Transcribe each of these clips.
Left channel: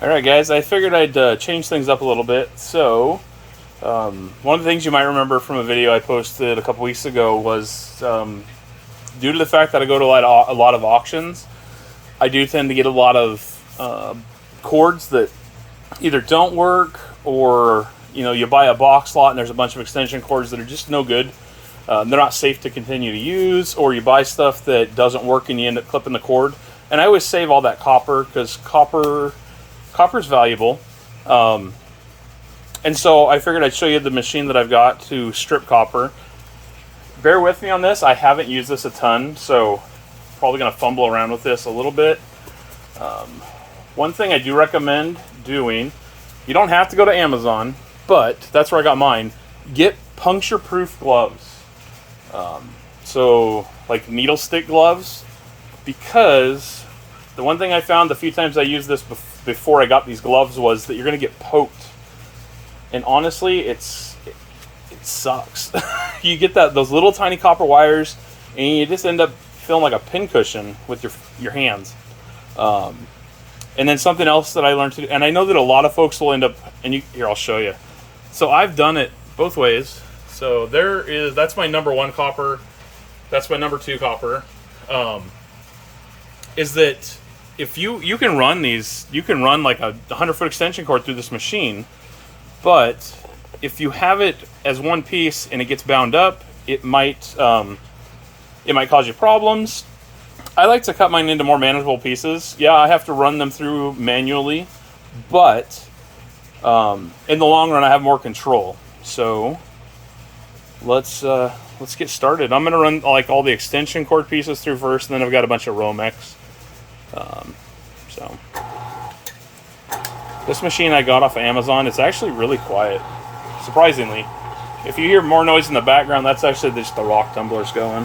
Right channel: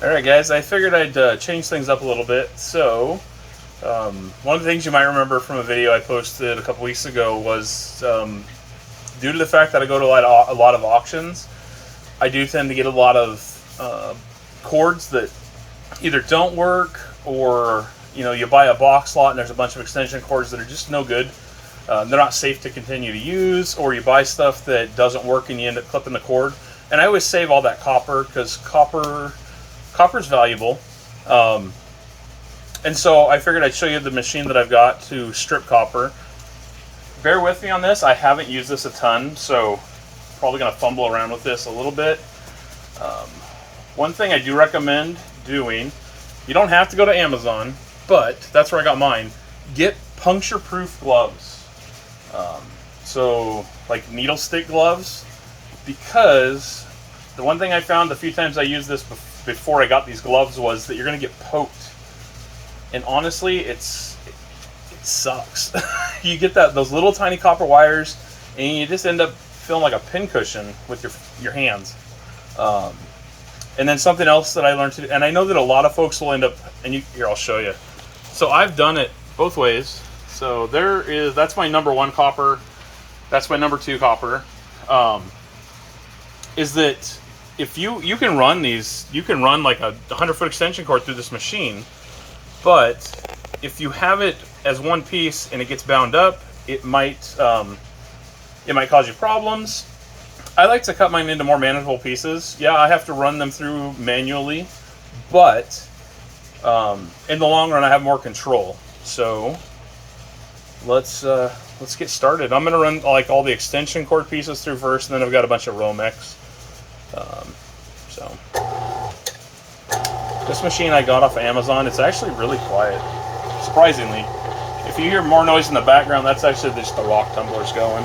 Alright guys, I figured I'd change things up a little bit. So, one of the things you might remember from a video I posted a couple weeks ago was due to the fact that I go to a lot of auctions, I do tend to get a lot of cords that either don't work, or you buy a box lot and there's a bunch of extension cords that are just no good. They're not safe to continue to use, or you buy stuff that doesn't work and you end up clipping the cord. And I always save all that copper because copper's valuable. And so I figured I'd show you the machine that I've got to strip copper. Bear with me on this. I haven't used this a ton, so probably going to fumble around with this a little bit. One thing I do recommend doing, you don't have to go to Amazon, but that's where I got mine. Get puncture-proof gloves. So like needle stick gloves, because the one thing I found the few times I used this before I got these gloves was that you're going to get poked. And honestly, it sucks. You get those little tiny copper wires, and you just end up feeling like a pincushion with your hands. And then something else that I learned to do, and I know that a lot of folks will end up, here, I'll show you. So I've done it both ways. So that's my number one copper. That's my number two copper. Is that if you can run these, you can run like a 100-foot extension cord through this machine, but if you have it as one piece and it gets bound up, it might cause you problems. I like to cut mine into more manageable pieces. Yeah, I have to run them through manually, but in the long run, I have more control. So let's get started. I'm gonna run like all the extension cord pieces through first, and then I've got a bunch of Romex. So this machine I got off of Amazon. It's actually really quiet, surprisingly. If you hear more noise in the background, that's actually just the rock tumblers going.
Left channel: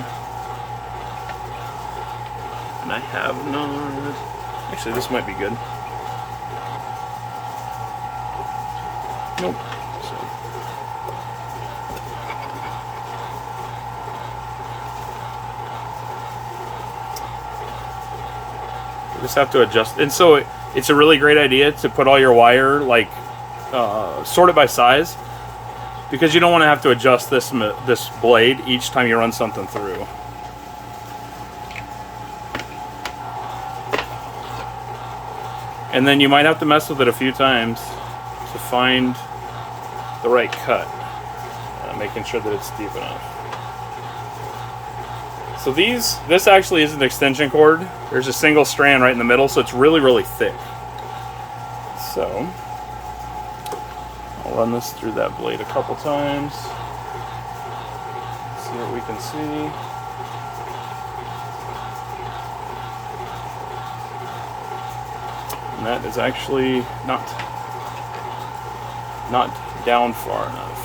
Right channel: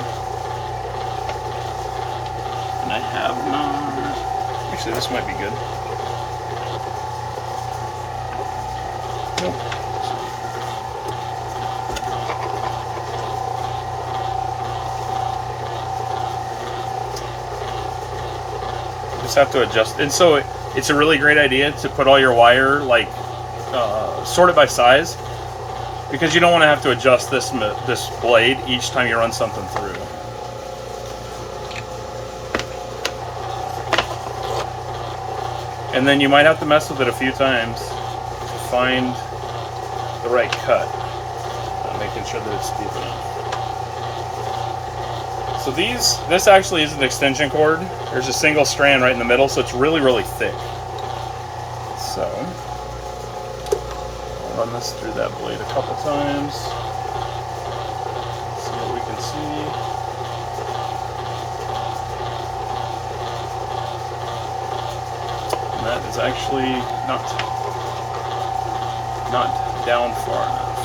And I have not... Actually, this might be good. Nope. Just have to adjust. And so it's a really great idea to put all your wire, like, sort it by size, because you don't want to have to adjust this blade each time you run something through. And then you might have to mess with it a few times to find the right cut, making sure that it's deep enough. So this actually is an extension cord. There's a single strand right in the middle, so it's really, really thick. So I'll run this through that blade a couple times. See what we can see. And that is actually not down far enough.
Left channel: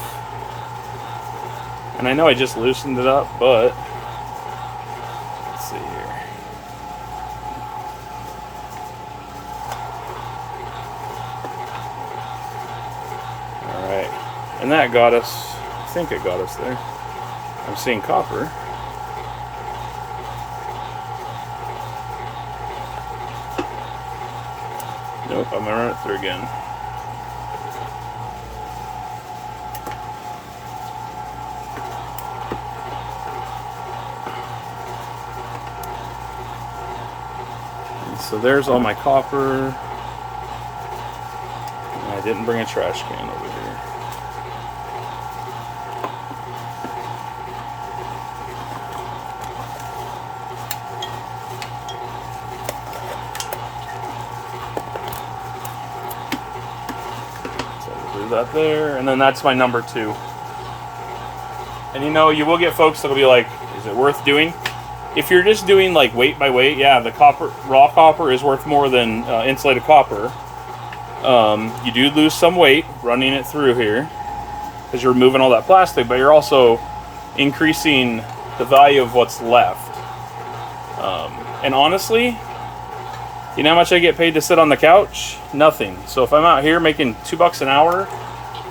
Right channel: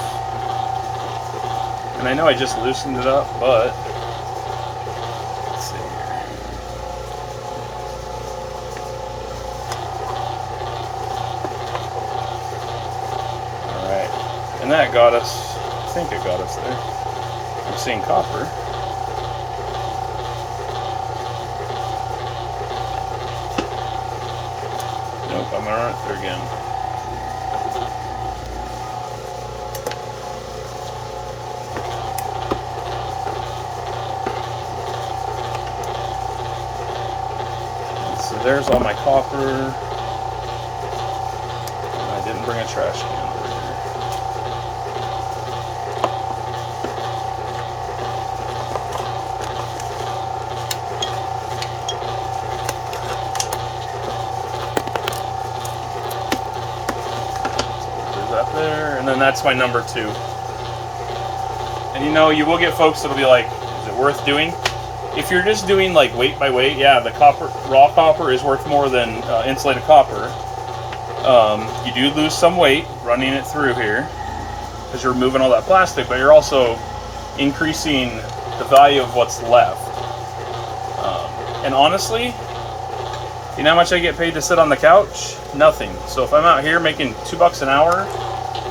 And I know I just loosened it up, but let's see here. Alright. And that got us, I think it got us there. I'm seeing copper. Nope, I'm gonna run it through again. So there's all my copper. And I didn't bring a trash can over here. So do that there, and then that's my number two. And you will get folks that'll be like, is it worth doing? If you're just doing like weight by weight, yeah, the raw copper is worth more than insulated copper. You do lose some weight running it through here because you're removing all that plastic, but you're also increasing the value of what's left. And honestly, you know how much I get paid to sit on the couch? Nothing. So if I'm out here making $2 an hour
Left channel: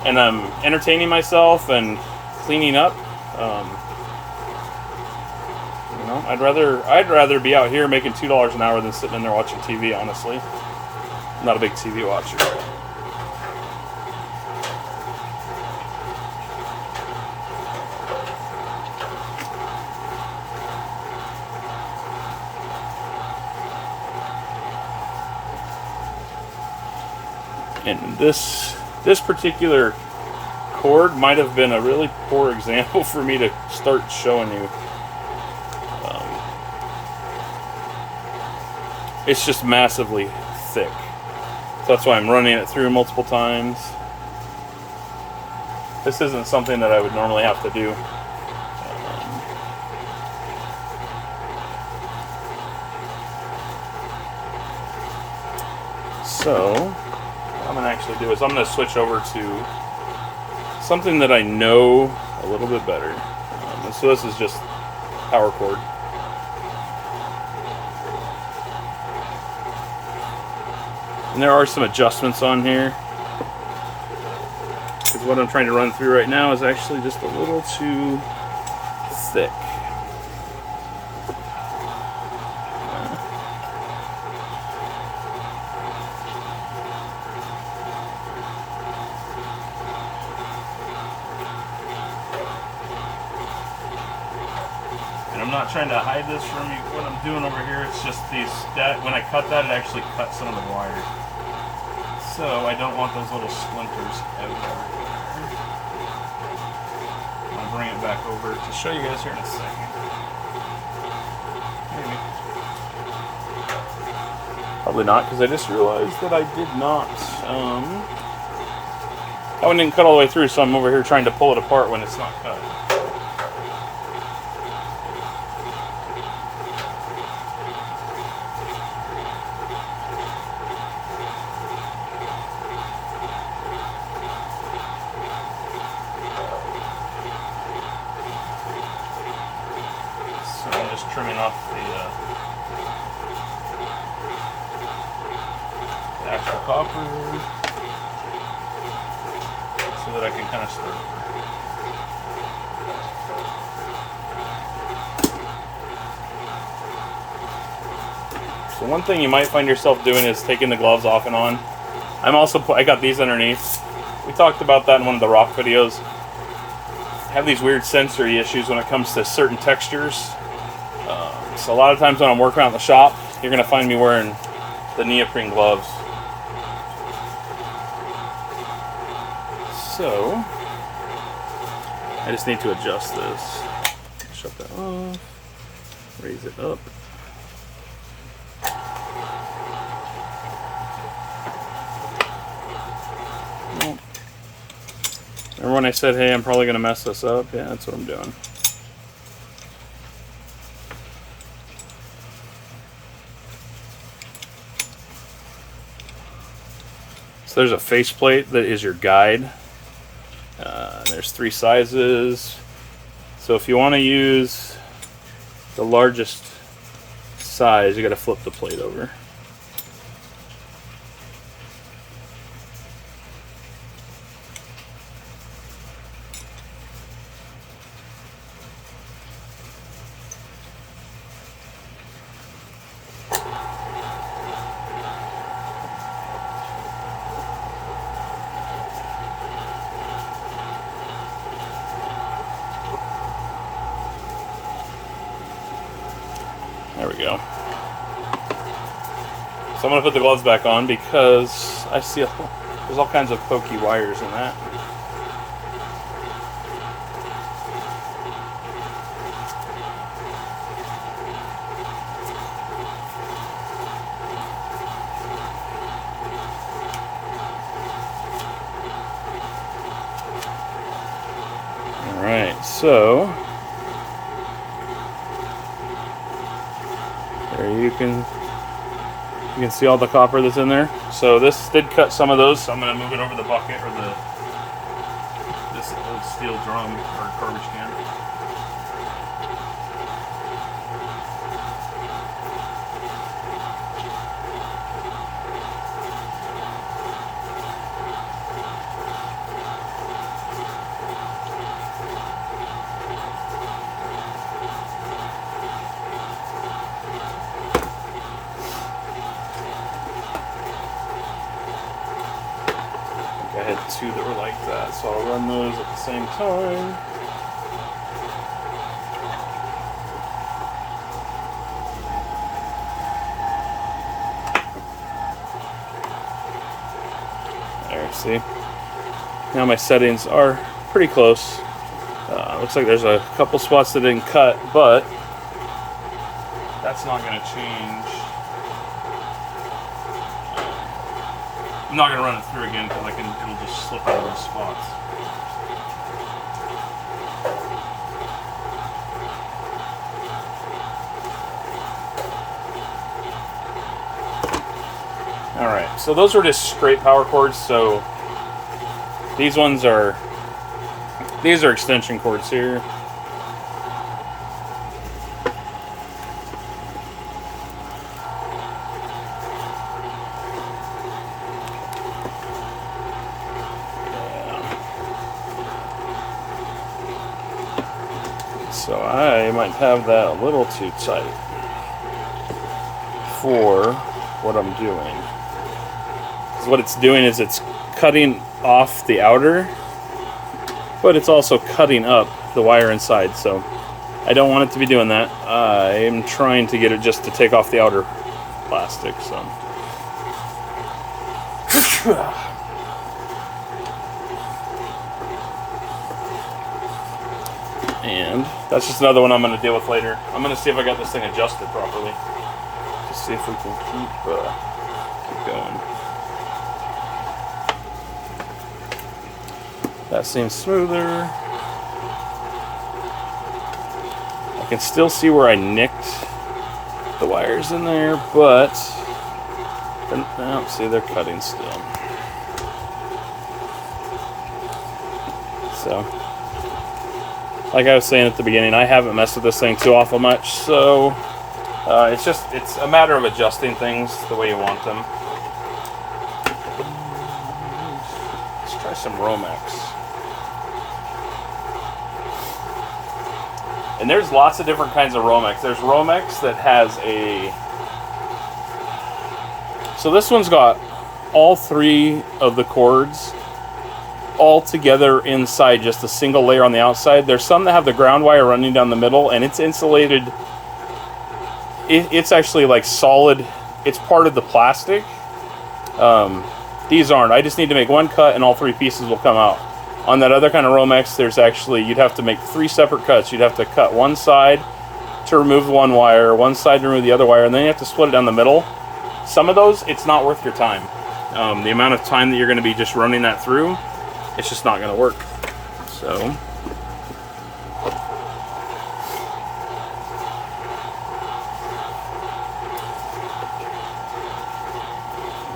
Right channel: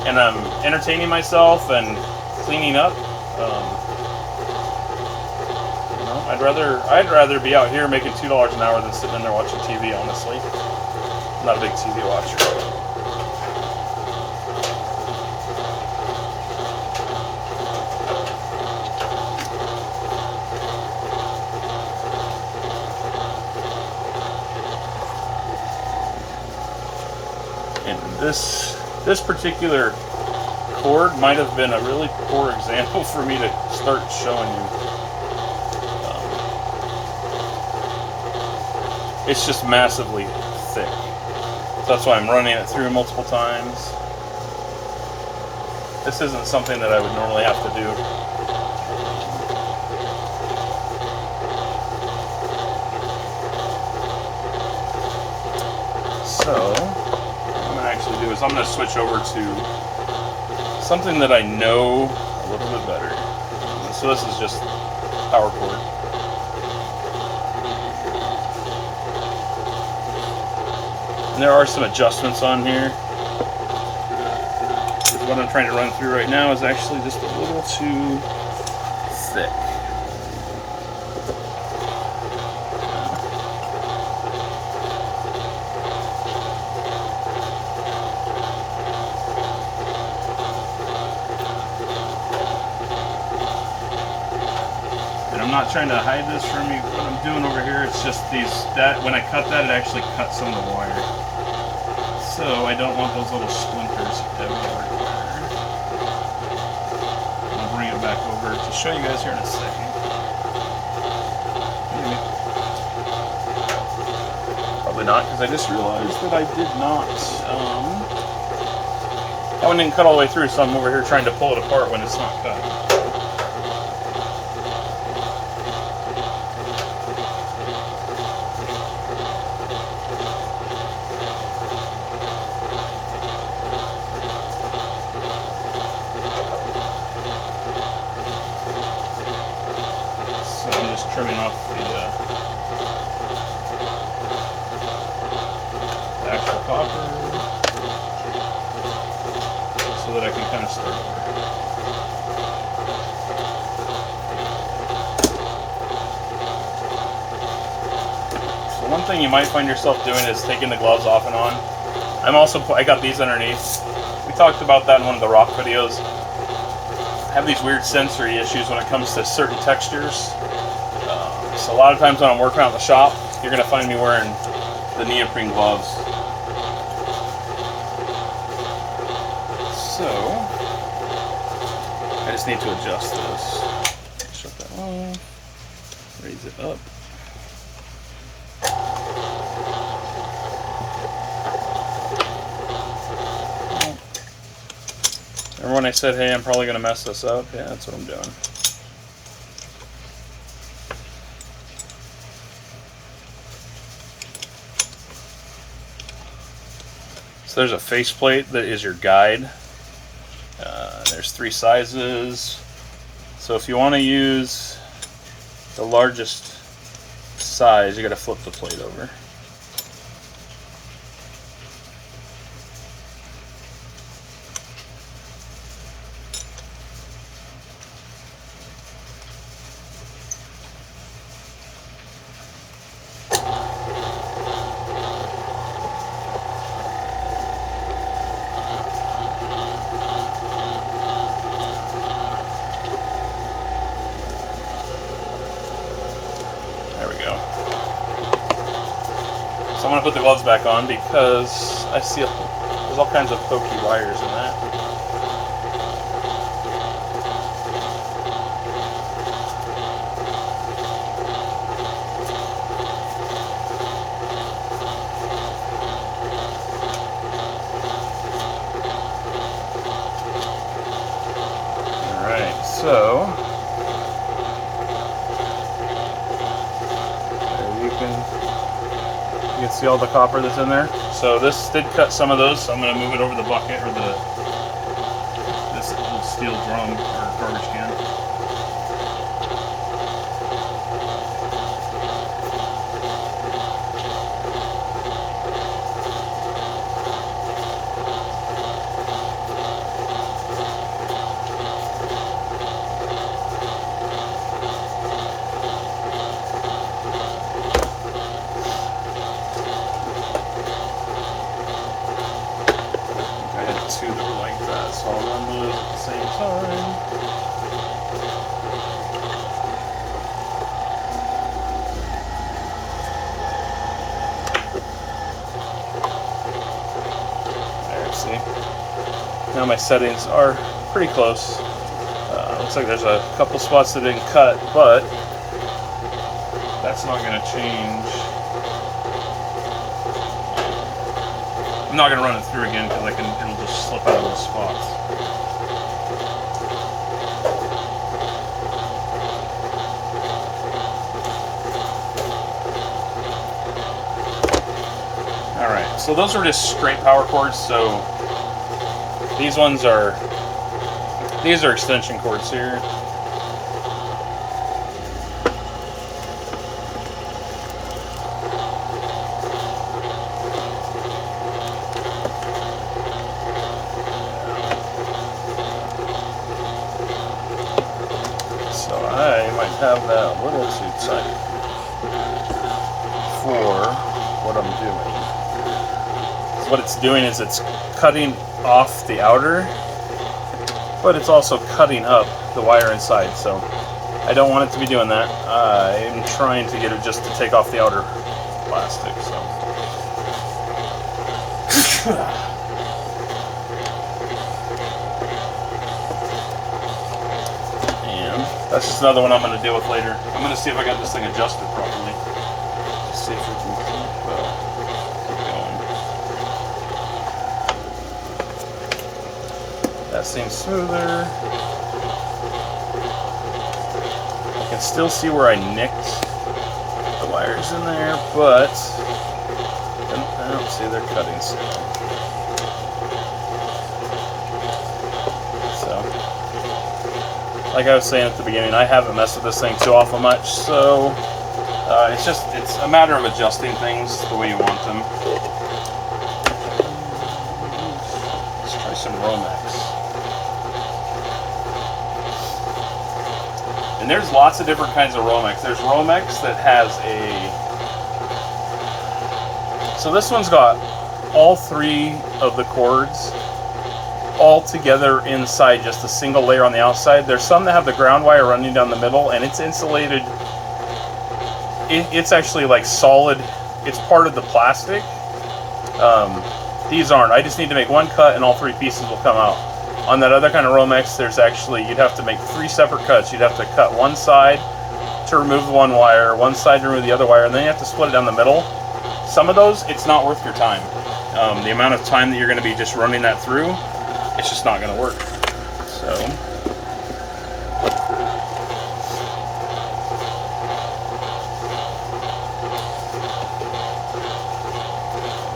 and I'm entertaining myself and cleaning up, I'd rather be out here making $2 an hour than sitting in there watching TV, honestly. I'm not a big TV watcher. And this particular cord might have been a really poor example for me to start showing you. It's just massively thick. So that's why I'm running it through multiple times. This isn't something that I would normally have to do. So, what I'm going to actually do is I'm going to switch over to something that I know a little bit better. So this is just power cord. And there are some adjustments on here. Because what I'm trying to run through right now is actually just a little too thick. I'm not trying to hide this from you. What I'm doing over here, it's just when I cut that, it actually cut some of the wire. So I don't want those little splinters everywhere. I'll bring it back over to show you guys here in a second. Maybe. Probably not, because I just realized that I did not, I didn't cut all the way through, so I'm over here trying to pull it apart when it's not cut. So I'm just trimming off the actual copper so that I can kind of start over. So one thing you might find yourself doing is taking the gloves off and on. I got these underneath. We talked about that in one of the rock videos. I have these weird sensory issues when it comes to certain textures. So a lot of times when I'm working out in the shop, you're going to find me wearing the neoprene gloves. So, I just need to adjust this. Shut that off. Raise it up. Remember when I said, hey, I'm probably going to mess this up? Yeah, that's what I'm doing. So there's a faceplate that is your guide. There's 3 sizes. So if you want to use the largest size, you got to flip the plate over. So I'm going to put the gloves back on because I see there's all kinds of pokey wires in that. Alright, so there you can see all the copper that's in there. So this did cut some of those, so I'm going to move it over the bucket or this old steel drum or garbage can. two that are like that, so I'll run those at the same time. There, see? Now my settings are pretty close. Looks like there's a couple spots that didn't cut, but that's not going to change. I'm not going to run it through again because it'll just slip out of those spots. Alright, so those were just straight power cords, so these are extension cords here. So I might have that a little too tight for what I'm doing. So what it's doing is it's cutting off the outer, but it's also cutting up the wire inside, so I don't want it to be doing that. I am trying to get it just to take off the outer plastic, so. And that's just another one I'm going to deal with later. I'm going to see if I got this thing adjusted properly. Just see if we can keep going. That seems smoother. I can still see where I nicked the wires in there, but see, they're cutting still. So, like I was saying at the beginning, I haven't messed with this thing too awful much, so it's a matter of adjusting things the way you want them. Let's try some Romex. And there's lots of different kinds of Romex. There's Romex that has so this one's got all three of the cords all together inside just a single layer on the outside. There's some that have the ground wire running down the middle, and it's insulated. It's actually like solid. It's part of the plastic. These aren't. I just need to make one cut and all three pieces will come out. On that other kind of Romex, there's actually, you'd have to make 3 separate cuts. You'd have to cut one side to remove one wire, one side to remove the other wire, and then you have to split it down the middle. Some of those, it's not worth your time. The amount of time that you're going to be just running that through, it's just not going to work.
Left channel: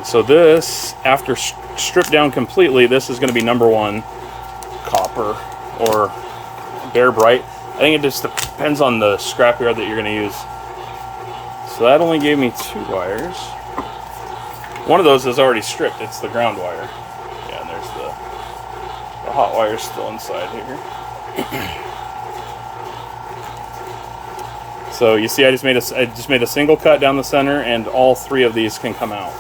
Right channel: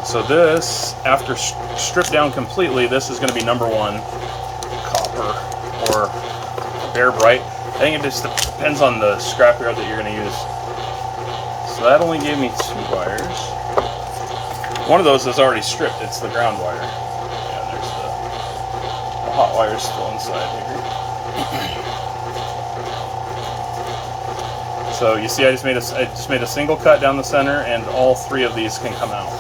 So this, after stripped down completely, this is going to be number 1 copper or Bear Bright. I think it just depends on the scrapyard that you're going to use. So that only gave me 2 wires. One of those is already stripped. It's the ground wire. Yeah, and there's the hot wire still inside here. So you see, I just made a single cut down the center, and all 3 of these can come out.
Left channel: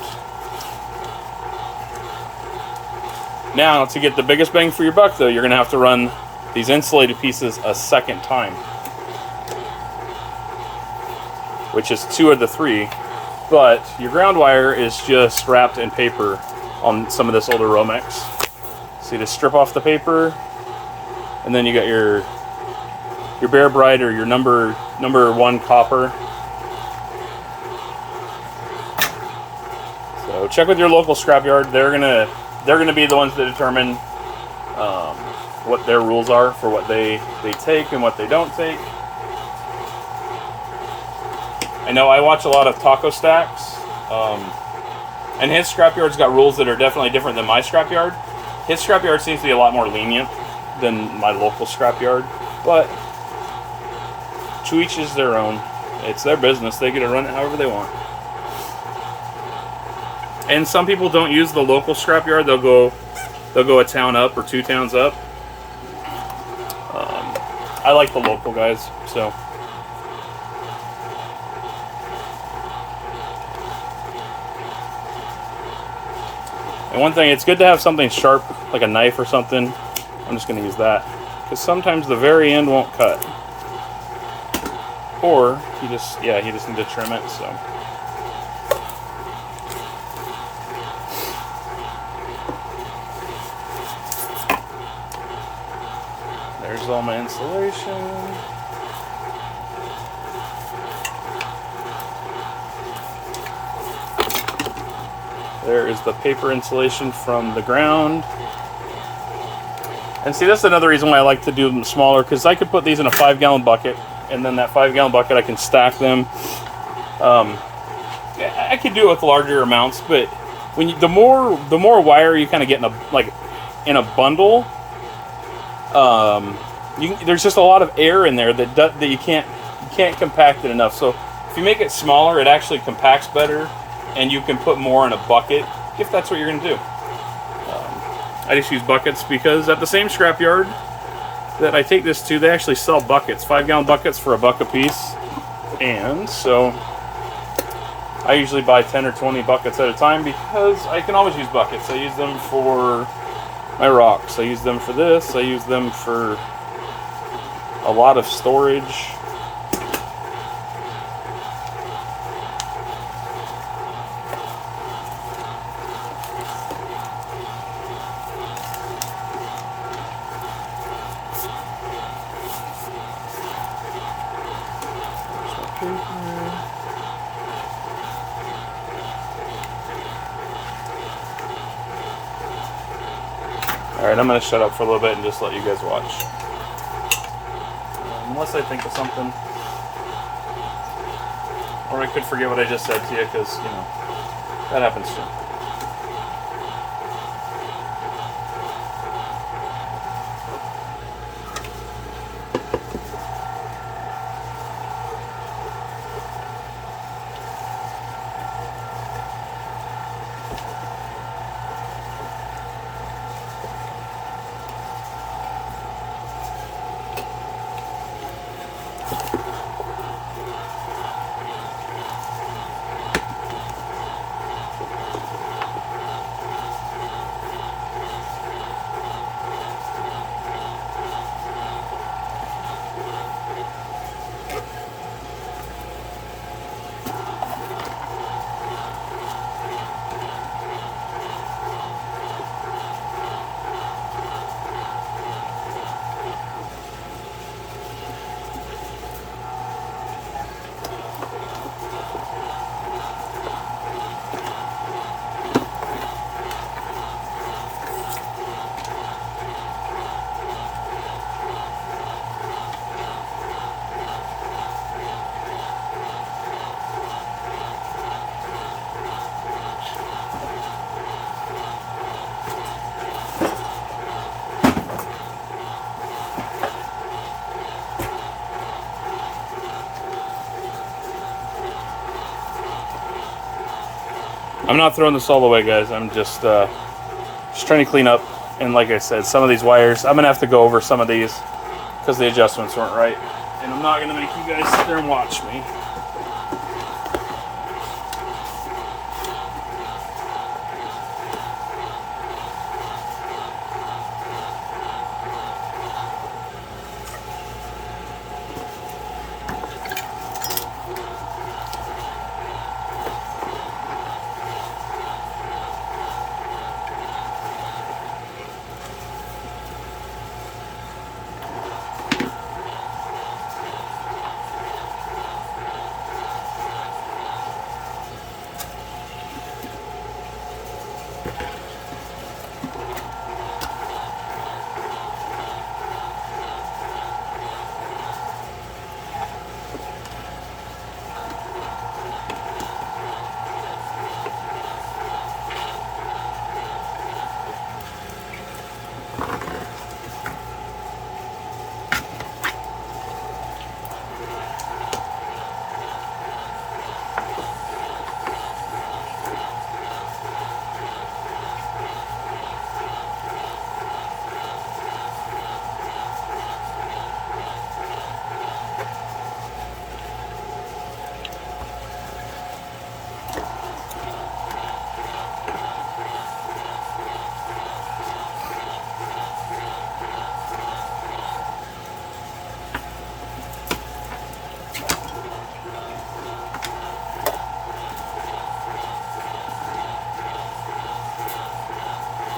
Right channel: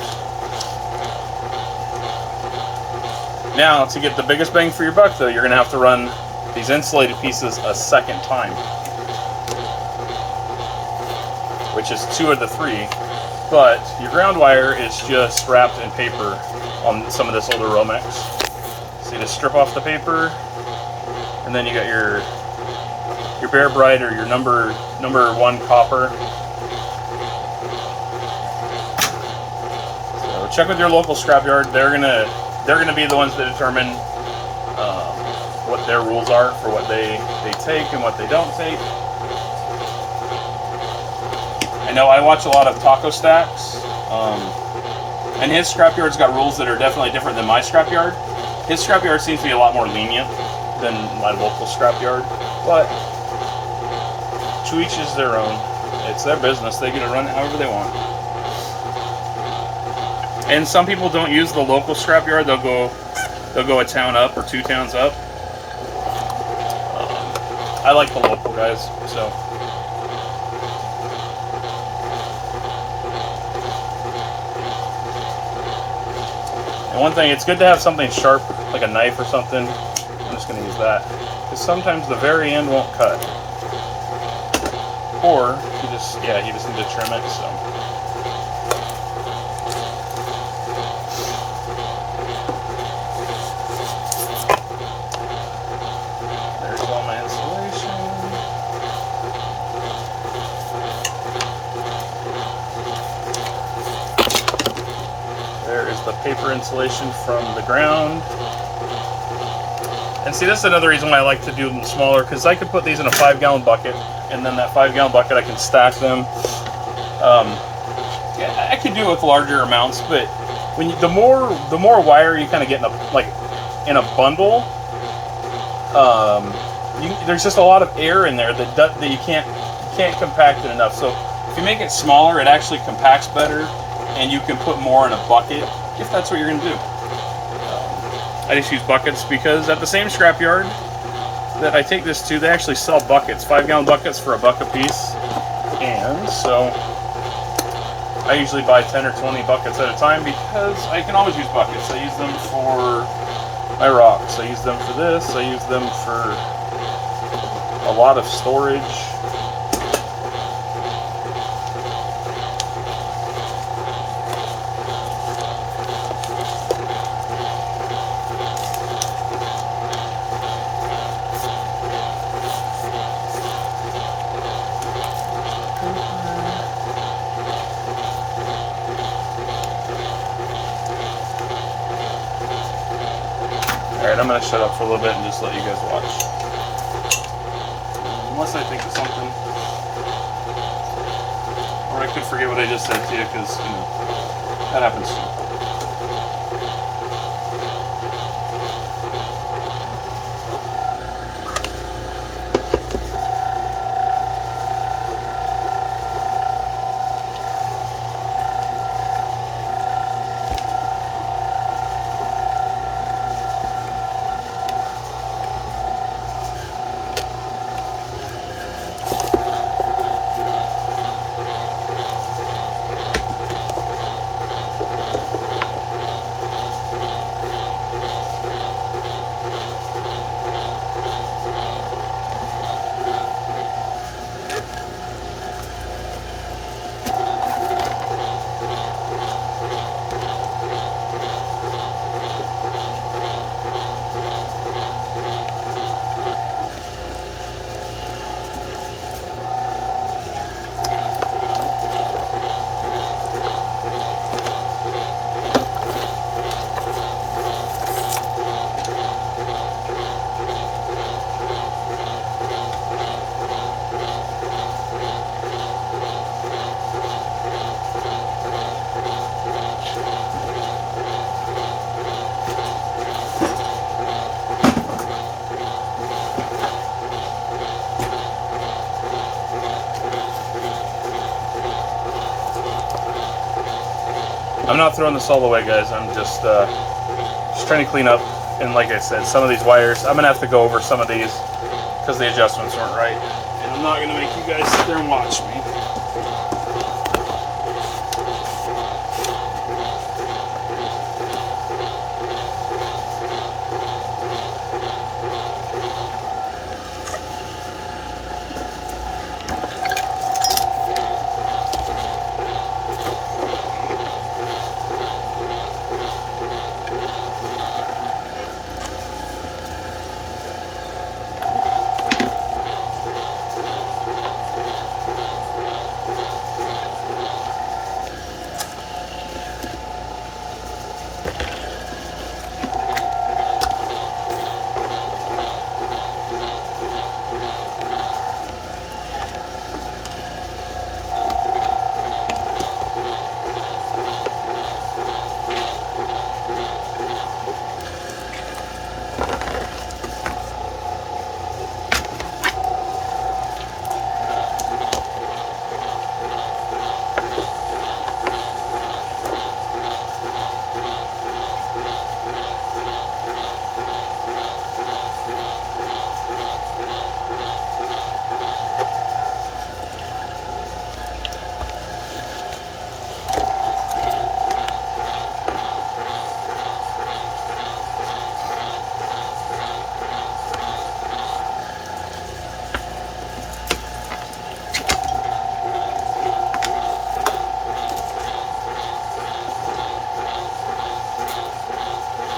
Now, to get the biggest bang for your buck, though, you're going to have to run these insulated pieces a second time, which is 2 of the 3. But your ground wire is just wrapped in paper on some of this older Romex. So you just strip off the paper, and then you got your Bear Bright or your number 1 copper. So check with your local scrapyard. They're gonna be the ones that determine what their rules are for what they take and what they don't take. I know I watch a lot of Taco Stacks, and his scrapyard's got rules that are definitely different than my scrapyard. His scrapyard seems to be a lot more lenient than my local scrapyard, but to each is their own. It's their business. They get to run it however they want. And some people don't use the local scrapyard. They'll go a town up or 2 towns up. I like the local guys, so. And one thing, it's good to have something sharp, like a knife or something. I'm just going to use that. Because sometimes the very end won't cut. Or, you just need to trim it, so. There's all my insulation. There is the paper insulation from the ground. And see, that's another reason why I like to do them smaller, because I could put these in a 5-gallon bucket, and then that 5-gallon bucket I can stack them. I could do it with larger amounts, but when the more wire you kind of get in a bundle, there's just a lot of air in there that you can't compact it enough. So if you make it smaller, it actually compacts better, and you can put more in a bucket if that's what you're going to do. I just use buckets because at the same scrapyard that I take this to, they actually sell buckets, 5-gallon buckets for $1 a piece. And so I usually buy 10 or 20 buckets at a time because I can always use buckets. I use them for my rocks. I use them for this. I use them for a lot of storage. Alright, I'm going to shut up for a little bit and just let you guys watch. Unless I think of something. Or I could forget what I just said to you, because, that happens too. I'm not throwing this all away, guys. I'm just trying to clean up. And like I said, some of these wires, I'm going to have to go over some of these because the adjustments weren't right. And I'm not going to make you guys sit there and watch me.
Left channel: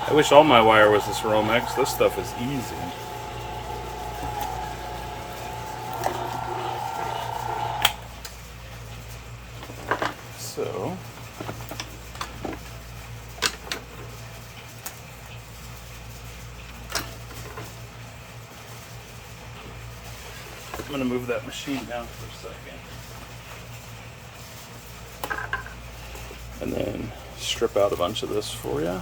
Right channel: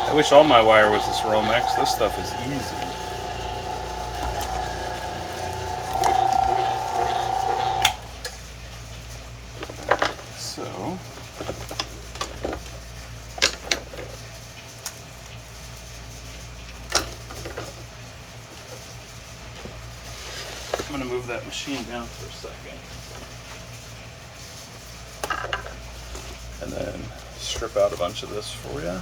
I wish all my wire was this Romex. This stuff is easy. So, I'm going to move that machine down for a second. And then strip out a bunch of this for you.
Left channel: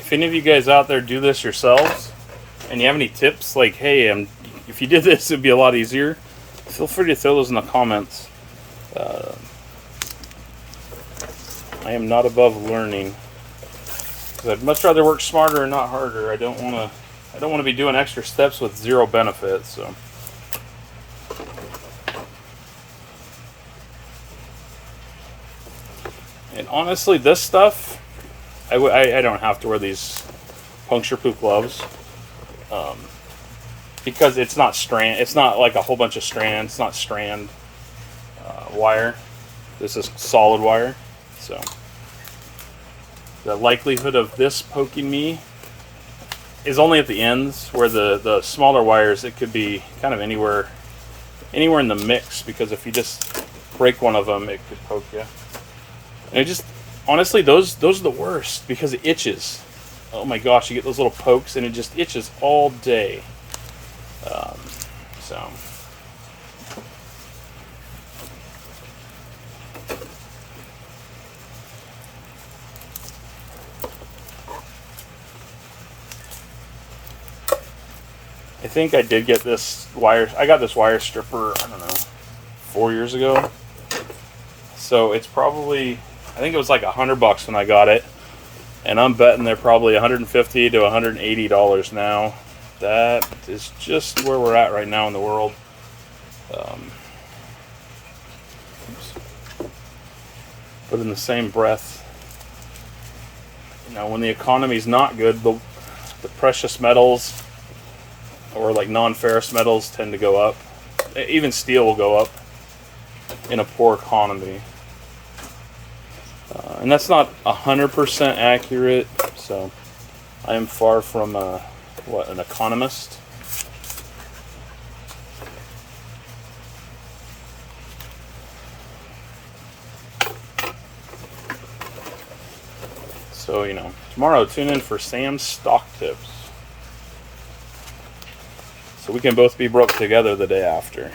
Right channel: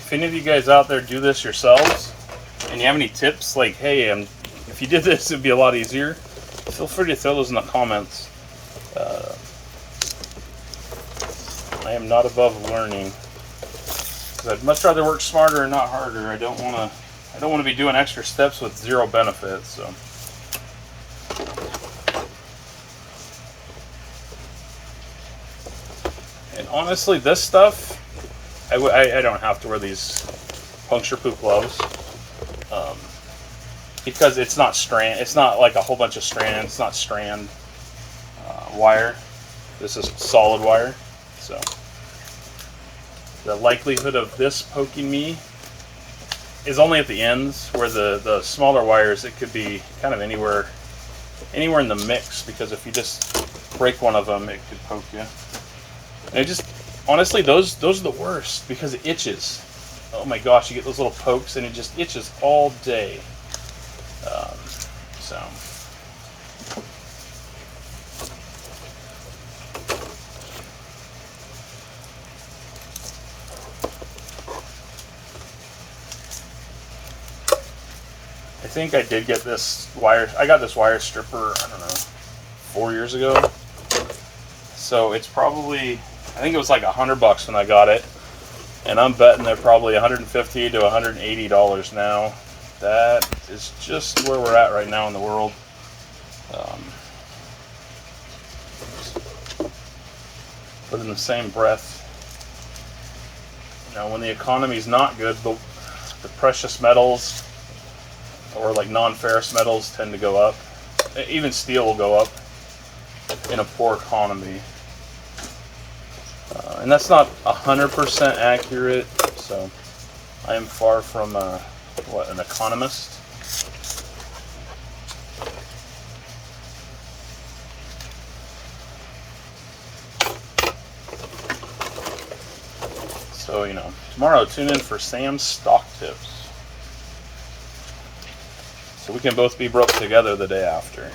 If any of you guys out there do this yourselves and you have any tips, like, hey, if you did this, it'd be a lot easier, feel free to throw those in the comments. I am not above learning. 'Cause I'd much rather work smarter and not harder. I don't want to be doing extra steps with zero benefits. So. And honestly, this stuff, I don't have to wear these puncture-proof gloves because it's not strand. It's not like a whole bunch of strand. It's not strand wire. This is solid wire, so the likelihood of this poking me is only at the ends, where the smaller wires, it could be kind of anywhere in the mix, because if you just break one of them, it could poke you. And it just, honestly, those are the worst because it itches. Oh my gosh, you get those little pokes and it just itches all day. So. I think I did get this wire. I got this wire stripper, I don't know, 4 years ago. So it's probably, I think it was like $100 when I got it, and I'm betting they're probably $150 to $180 now. That is just where we're at right now in the world. But in the same breath, you know, when the economy's not good, the precious metals or like non-ferrous metals tend to go up. Even steel will go up in a poor economy. And that's not 100% accurate, so I am far from an economist. So, you know, tomorrow tune in for Sam's stock tips, so we can both be broke together the day after.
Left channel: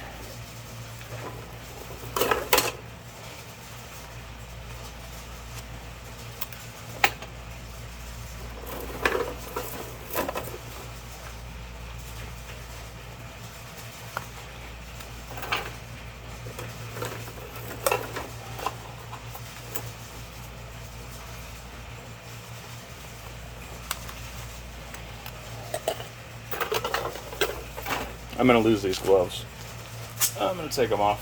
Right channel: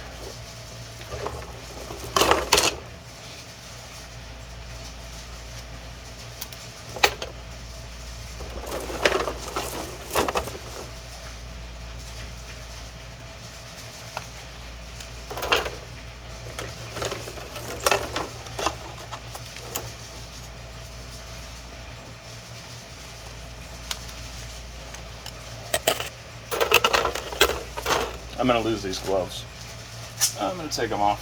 I'm going to lose these gloves. I'm going to take them off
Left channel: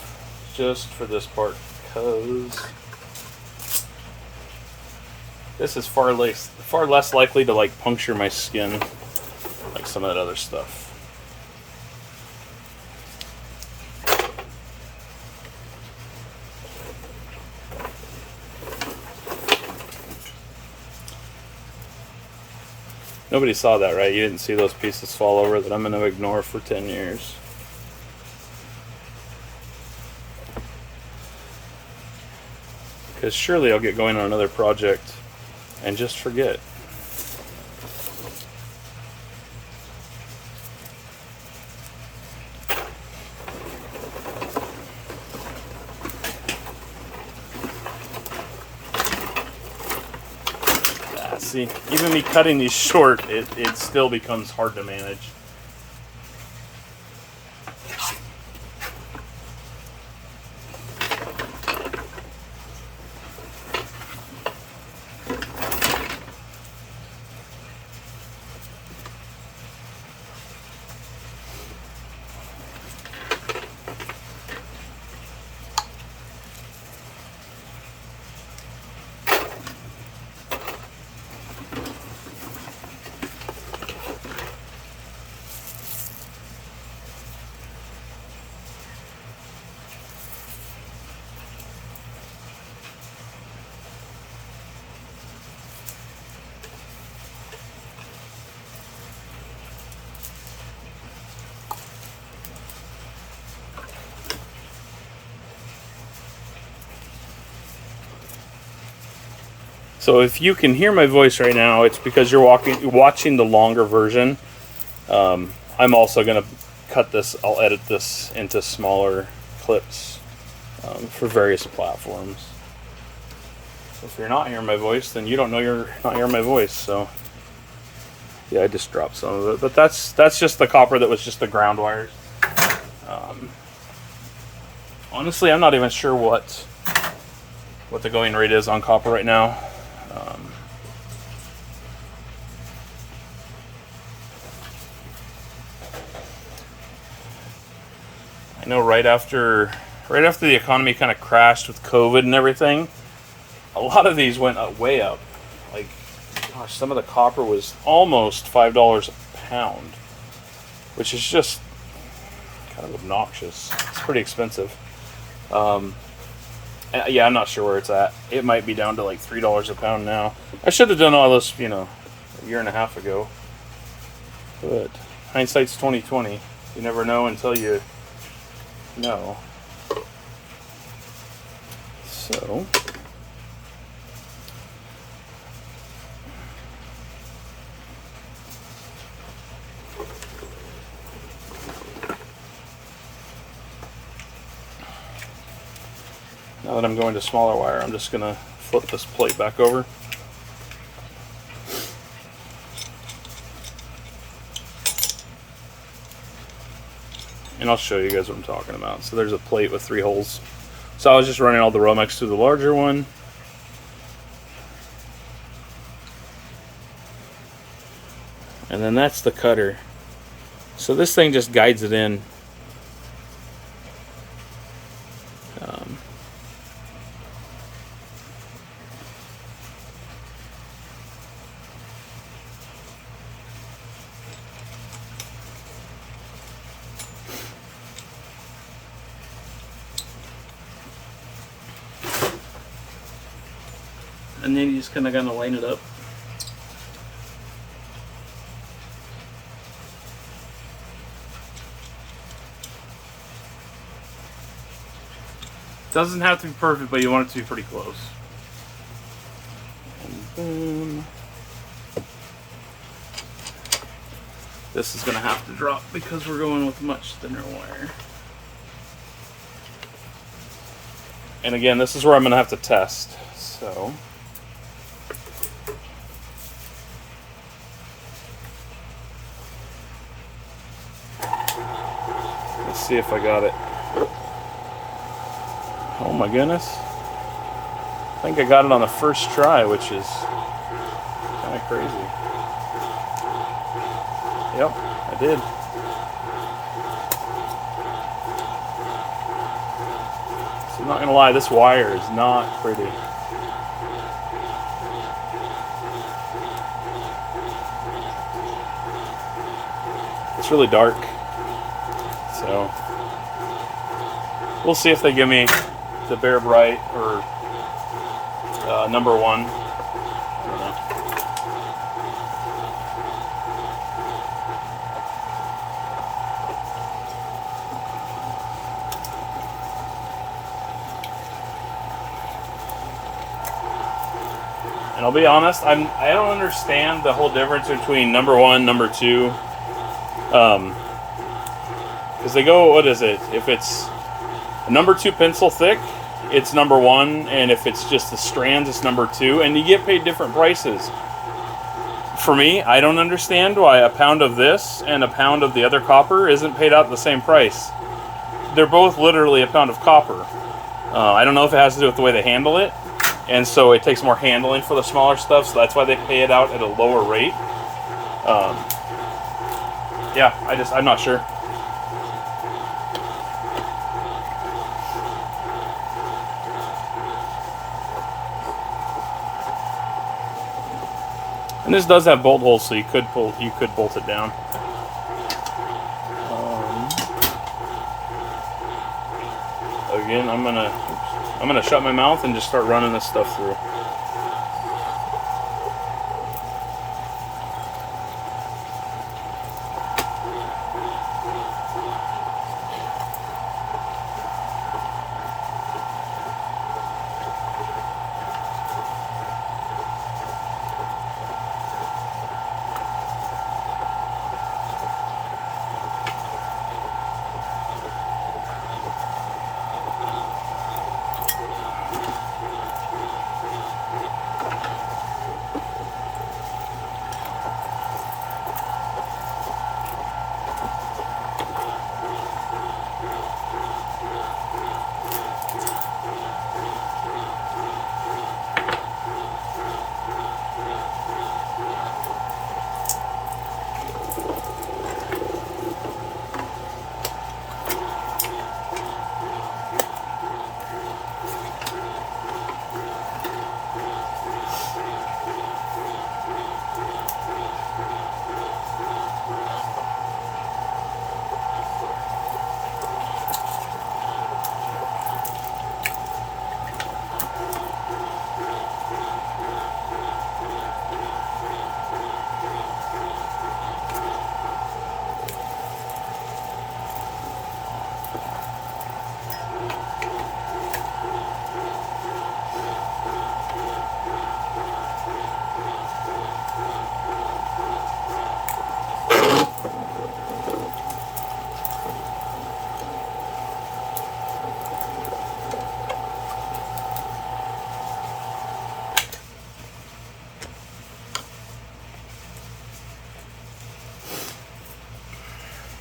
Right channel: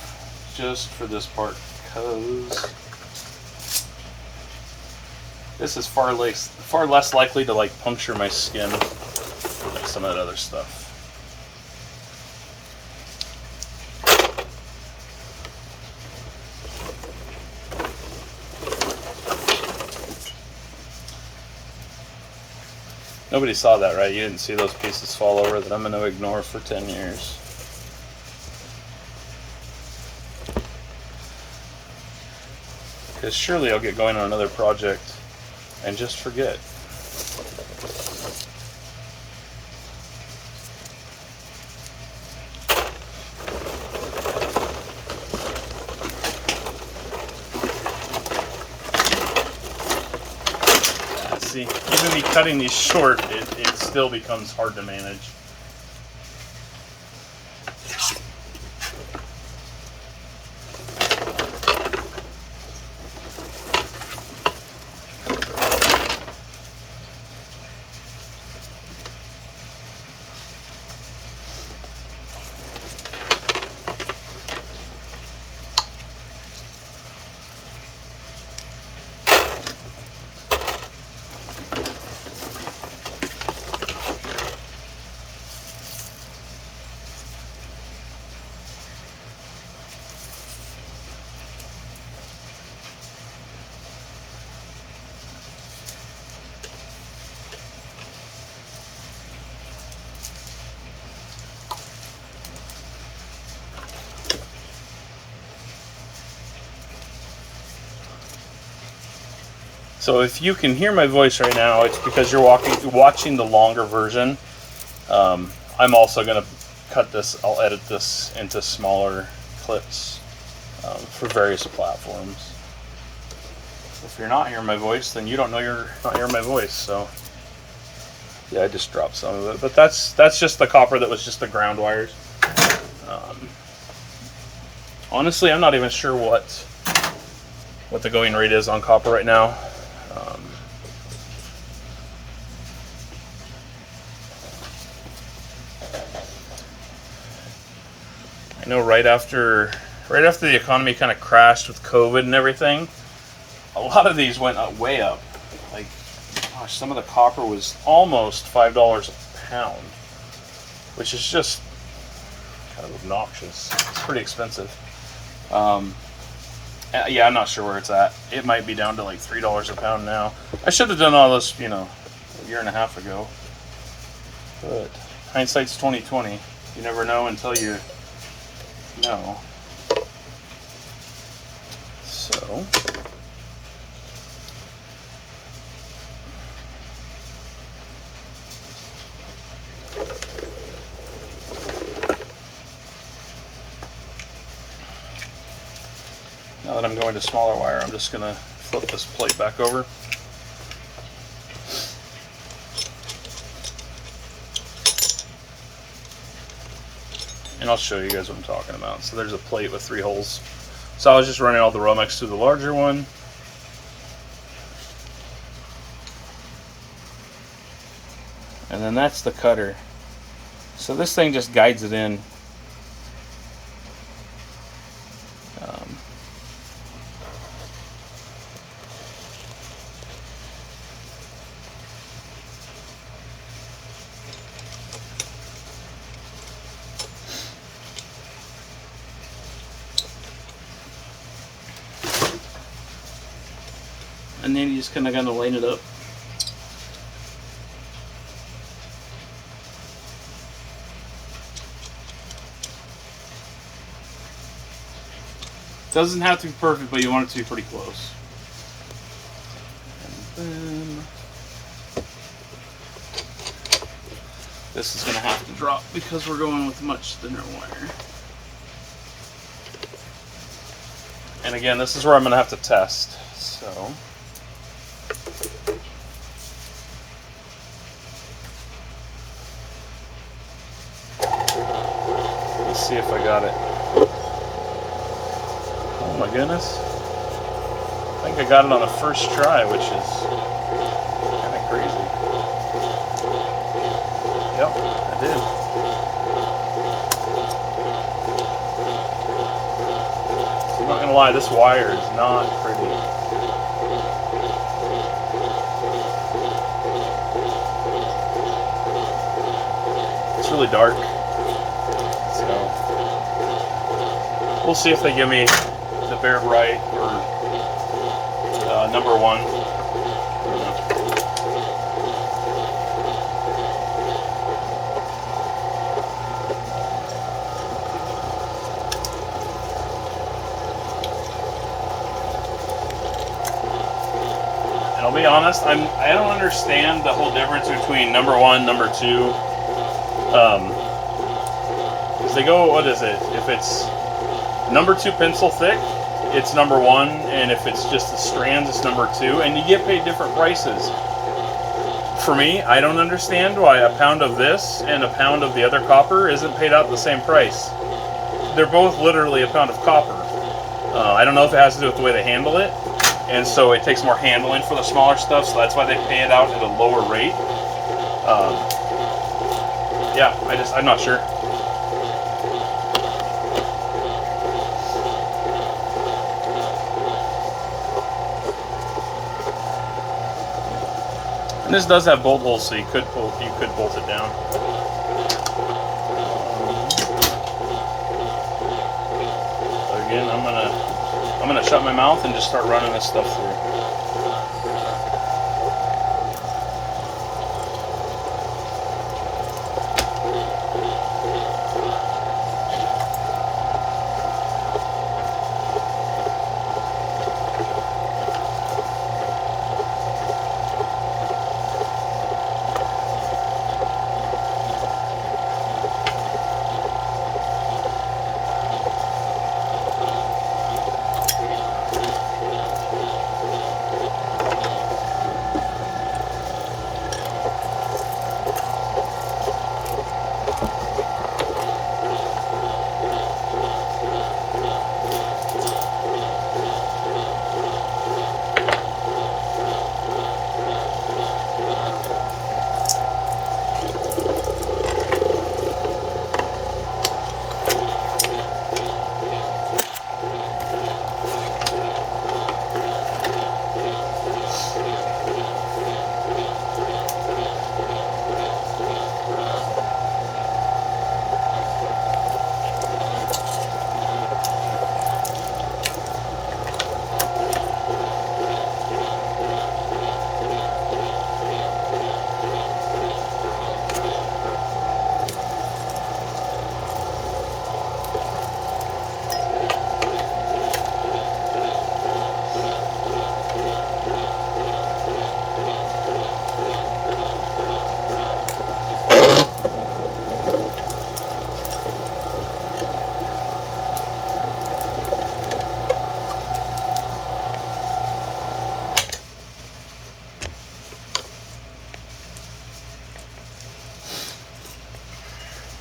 just for this part, because this is far less likely to like puncture my skin like some of that other stuff. Nobody saw that, right? You didn't see those pieces fall over that I'm going to ignore for 10 years. Because surely I'll get going on another project and just forget. See, even me cutting these short, it still becomes hard to manage. So if you can hear my voice right now, it's because you're watching the longer version. I'm also going to cut this, I'll edit this into smaller clips for various platforms. So if you're not hearing my voice, then you don't know you're not hearing my voice. So yeah, I just dropped some of it. But that's just the copper that was just the ground wires. Honestly, I'm not even sure what the going rate is on copper right now. I know right after the economy kind of crashed with COVID and everything, a lot of these went way up. Like, gosh, some of the copper was almost $5 a pound, which is just kind of obnoxious. It's pretty expensive. Yeah, I'm not sure where it's at. It might be down to like $3 a pound now. I should have done all this, a year and a half ago. But hindsight's 20/20. You never know until you know. So now that I'm going to smaller wire, I'm just going to flip this plate back over. And I'll show you guys what I'm talking about. So there's a plate with 3 holes. So I was just running all the Romex through the larger one. And then that's the cutter. So this thing just guides it in. And then you just kind of gonna line it up. Doesn't have to be perfect, but you want it to be pretty close. And then this is gonna have to drop because we're going with much thinner wire. And again, this is where I'm gonna have to test. So let's see if I got it. Oh my goodness. I think I got it on the first try, which is kind of crazy. Yep, I did. So I'm not gonna lie, this wire is not pretty. It's really dark. So we'll see if they give me the Baird Wright or number 1. And I'll be honest, I don't understand the whole difference between number one, number two. Because they go, what is it? If it's number two pencil thick, it's number one, and if it's just the strands, it's number two, and you get paid different prices. For me, I don't understand why a pound of this and a pound of the other copper isn't paid out the same price. They're both literally a pound of copper. I don't know if it has to do with the way they handle it, and so it takes more handling for the smaller stuff, so that's why they pay it out at a lower rate. Yeah, I'm not sure. And this does have bolt holes, so you could bolt it down. Again, I'm gonna shut my mouth and just start running this stuff through.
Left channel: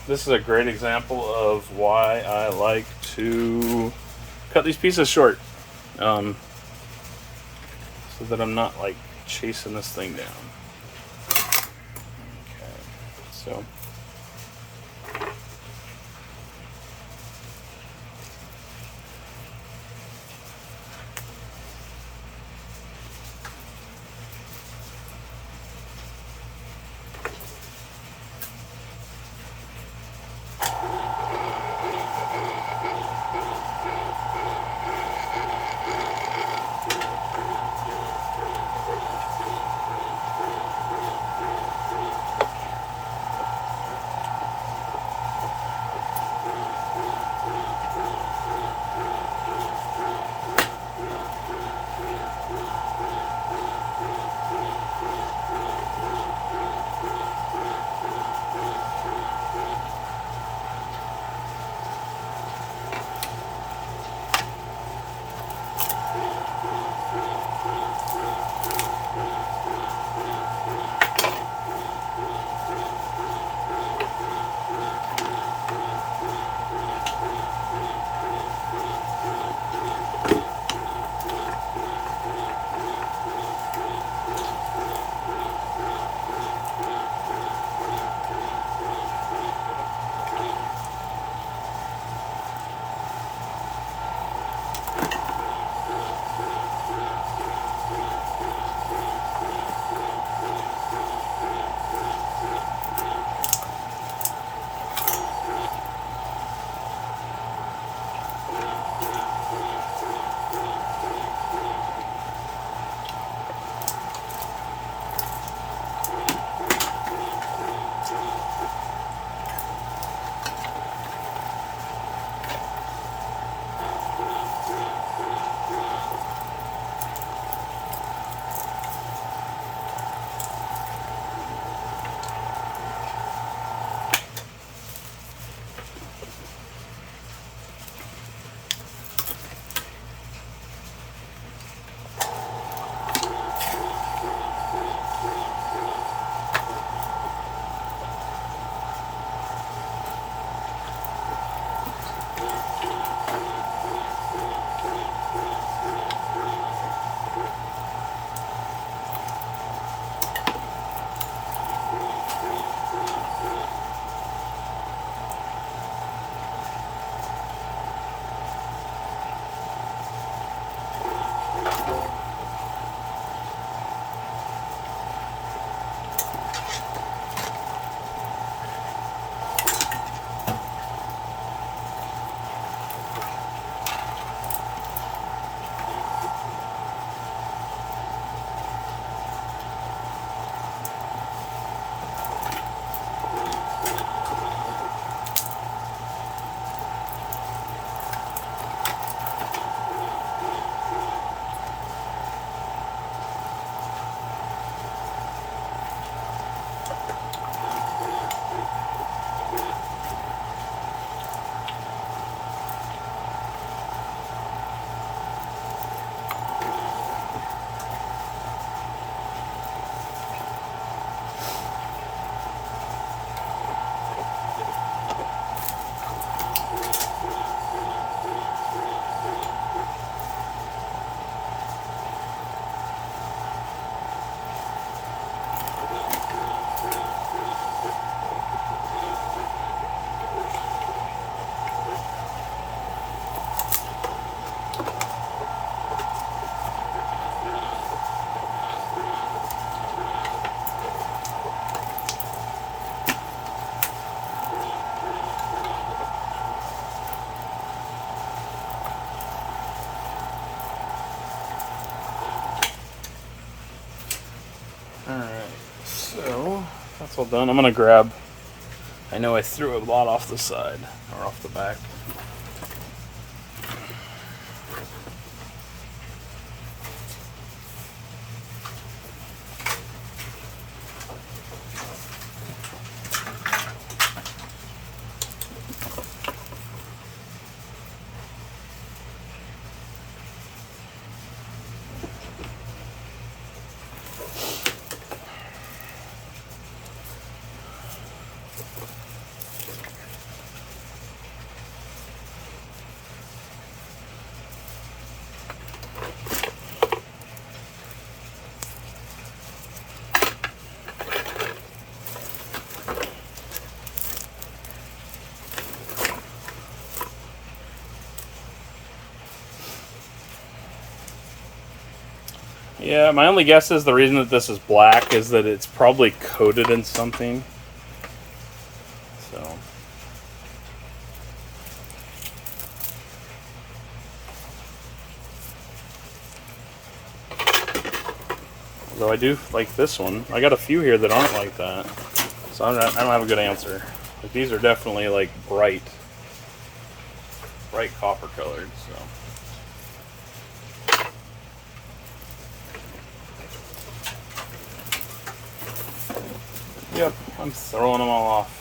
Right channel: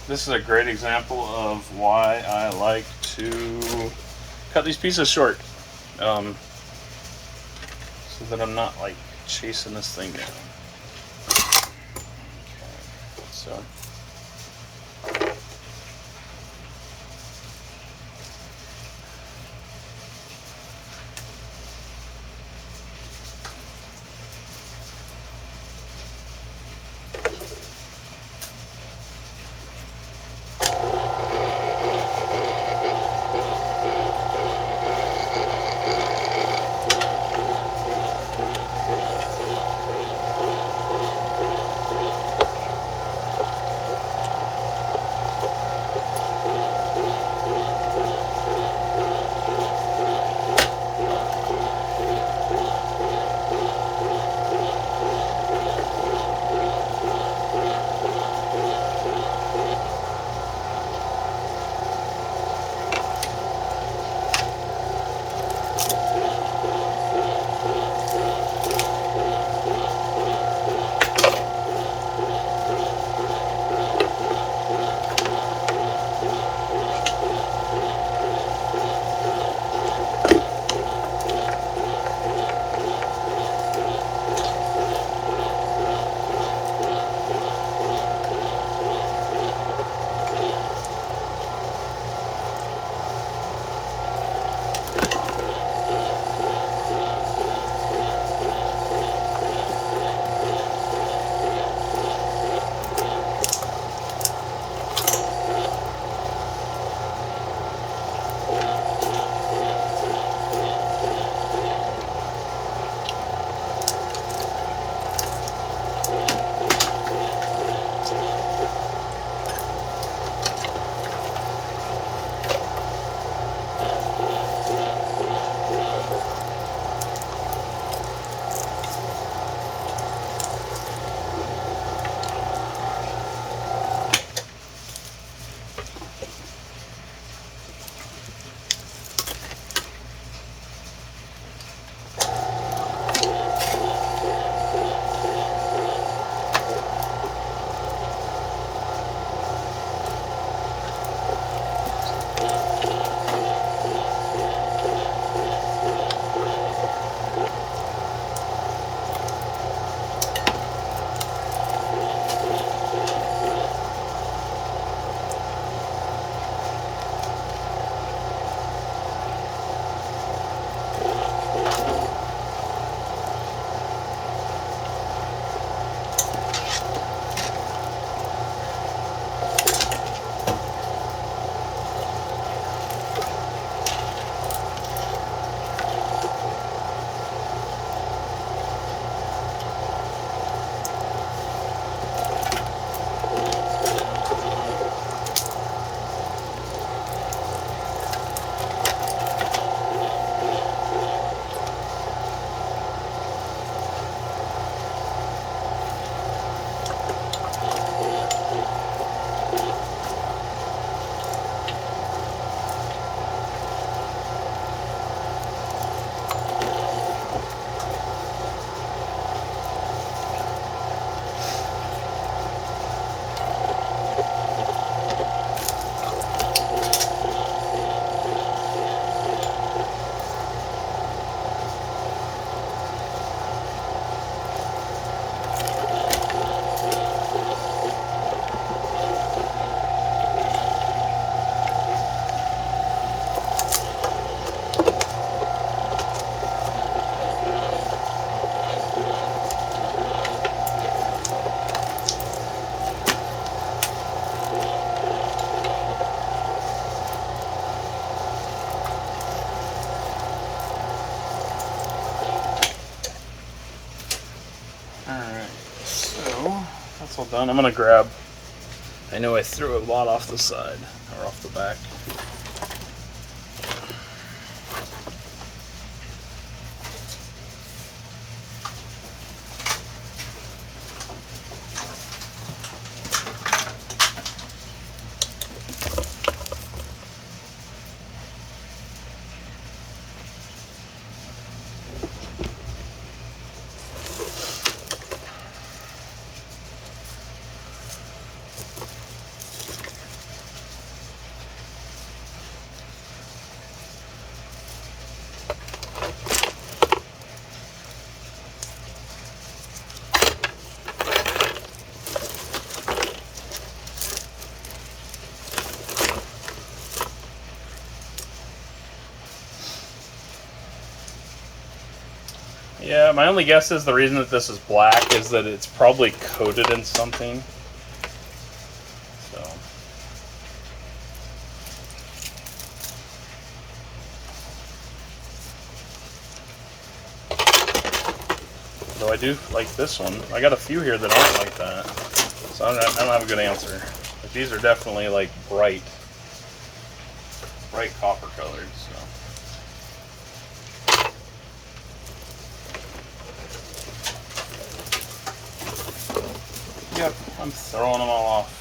This is a great example of why I like to cut these pieces short, so that I'm not like chasing this thing down. Okay, so. done. I'm gonna grab. I know I threw a lot off the side or off the back. Yeah, my only guess is the reason that this is black is that it's probably coated in something. So. Though I do like this one. I got a few here that aren't like that. So I don't have a good answer. But these are definitely like bright copper colored, so. Yep, I'm throwing them all off.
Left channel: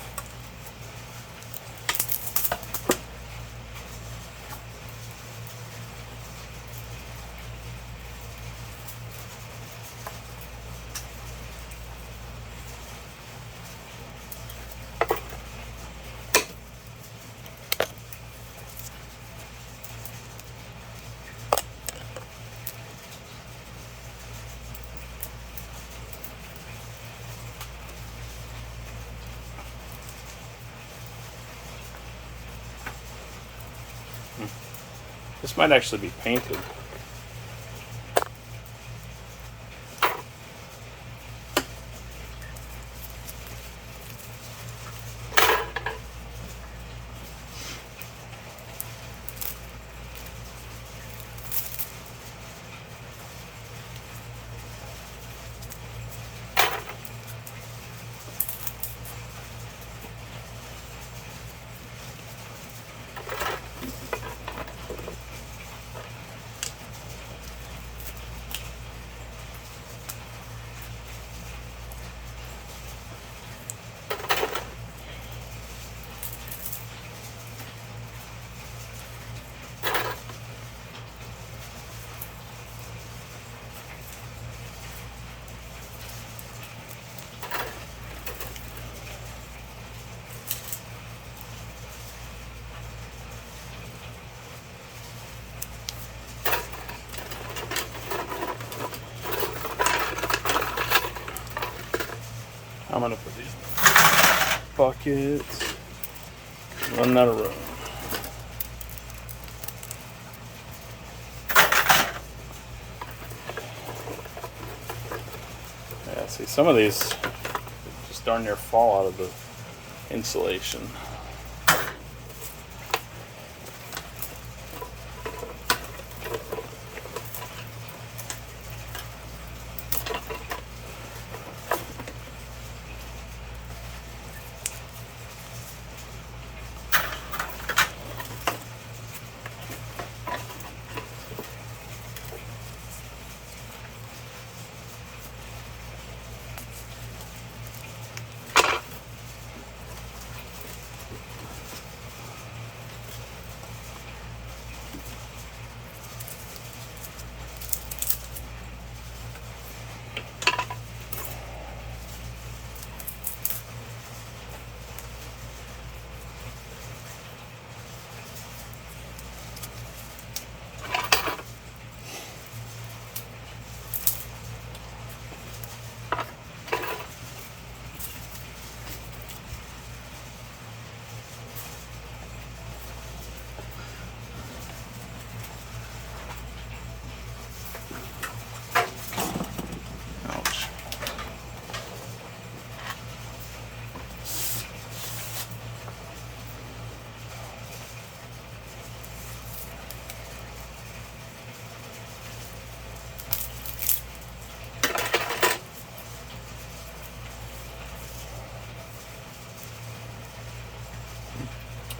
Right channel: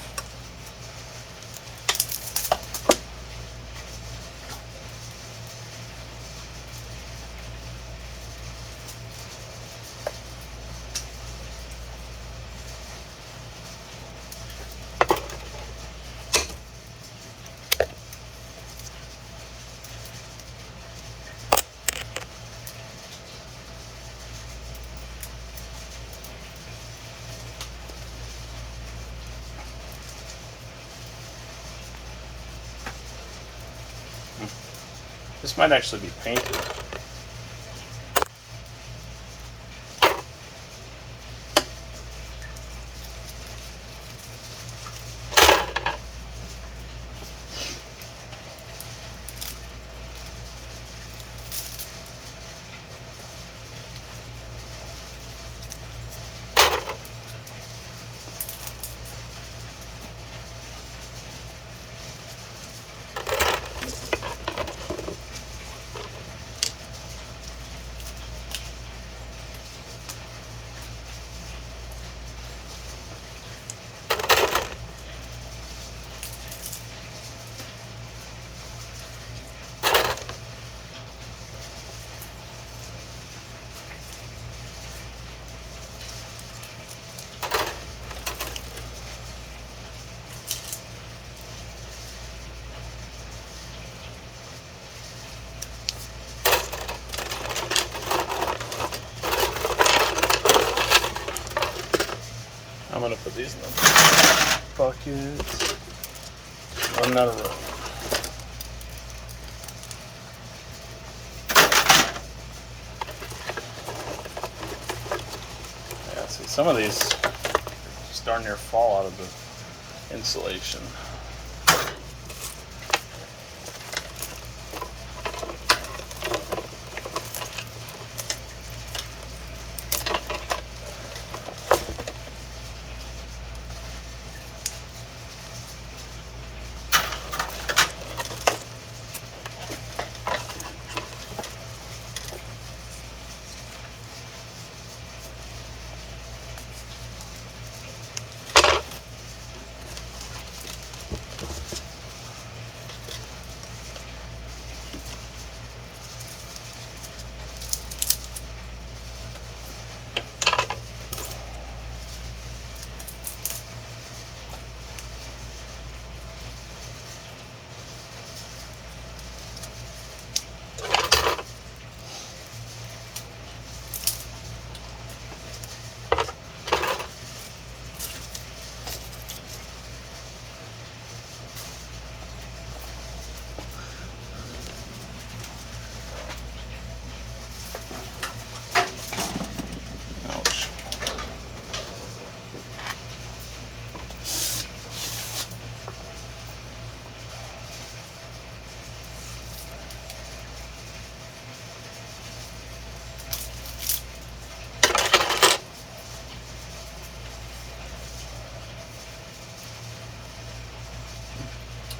This might actually be painted. I'm gonna put these in the bucket. Run out of room. Yeah, see, some of these just darn near fall out of the insulation.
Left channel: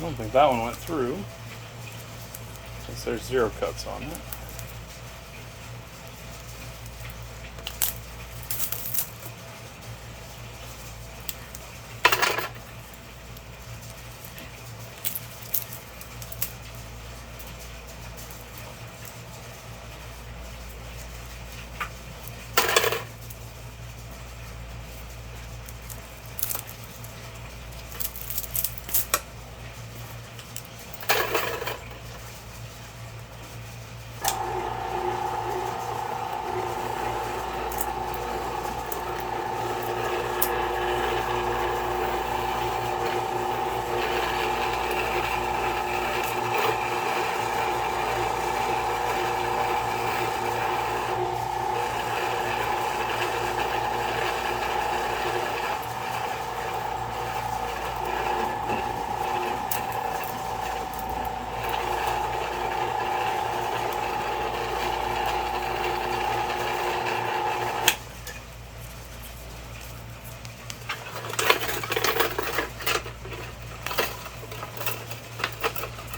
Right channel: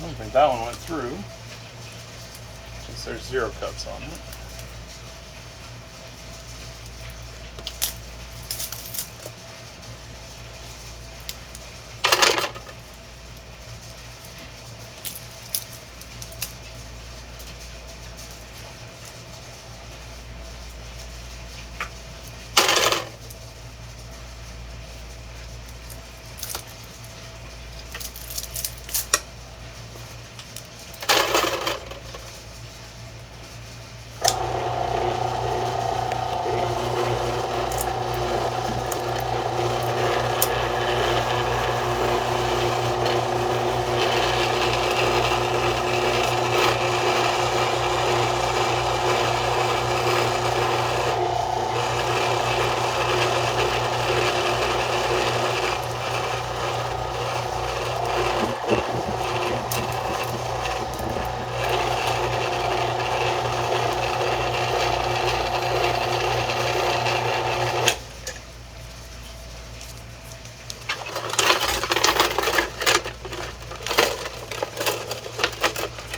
don't think that one went through, since there's 0 cuts on it.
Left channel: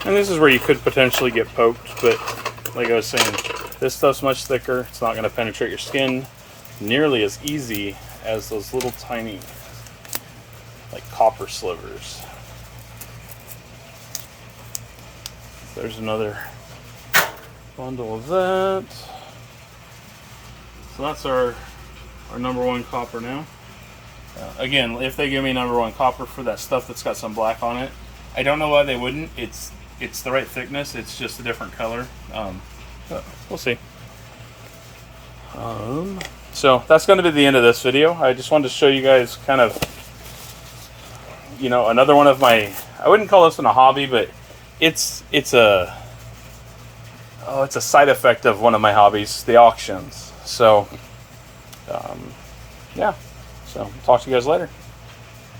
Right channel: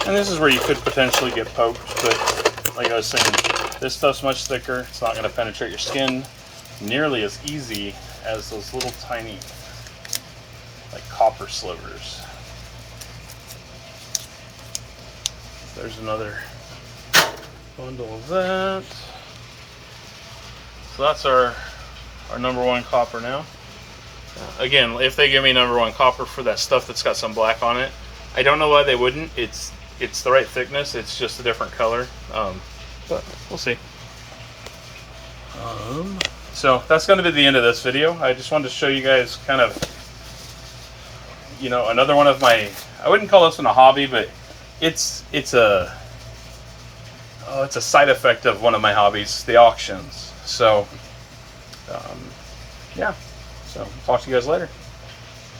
And this is where you could potentially get poked, but like I was saying, this stuff's much thicker. It's not going to penetrate your skin nearly as easy as those little tiny, like, copper slivers. There's another bundle of that. So that's our number 1 copper now. Again, if they give me number 1 copper for that stuff that's got some black on it, I don't know why they wouldn't. It's the right thickness. It's just a different color. But we'll see. So that's going to be the end of this video. I just wanted to show you guys kind of, you know, another one of my, I wouldn't call this one a hobby, but it's a side effect of one of my hobbies, the auctions. So, yeah. So talk to you guys later.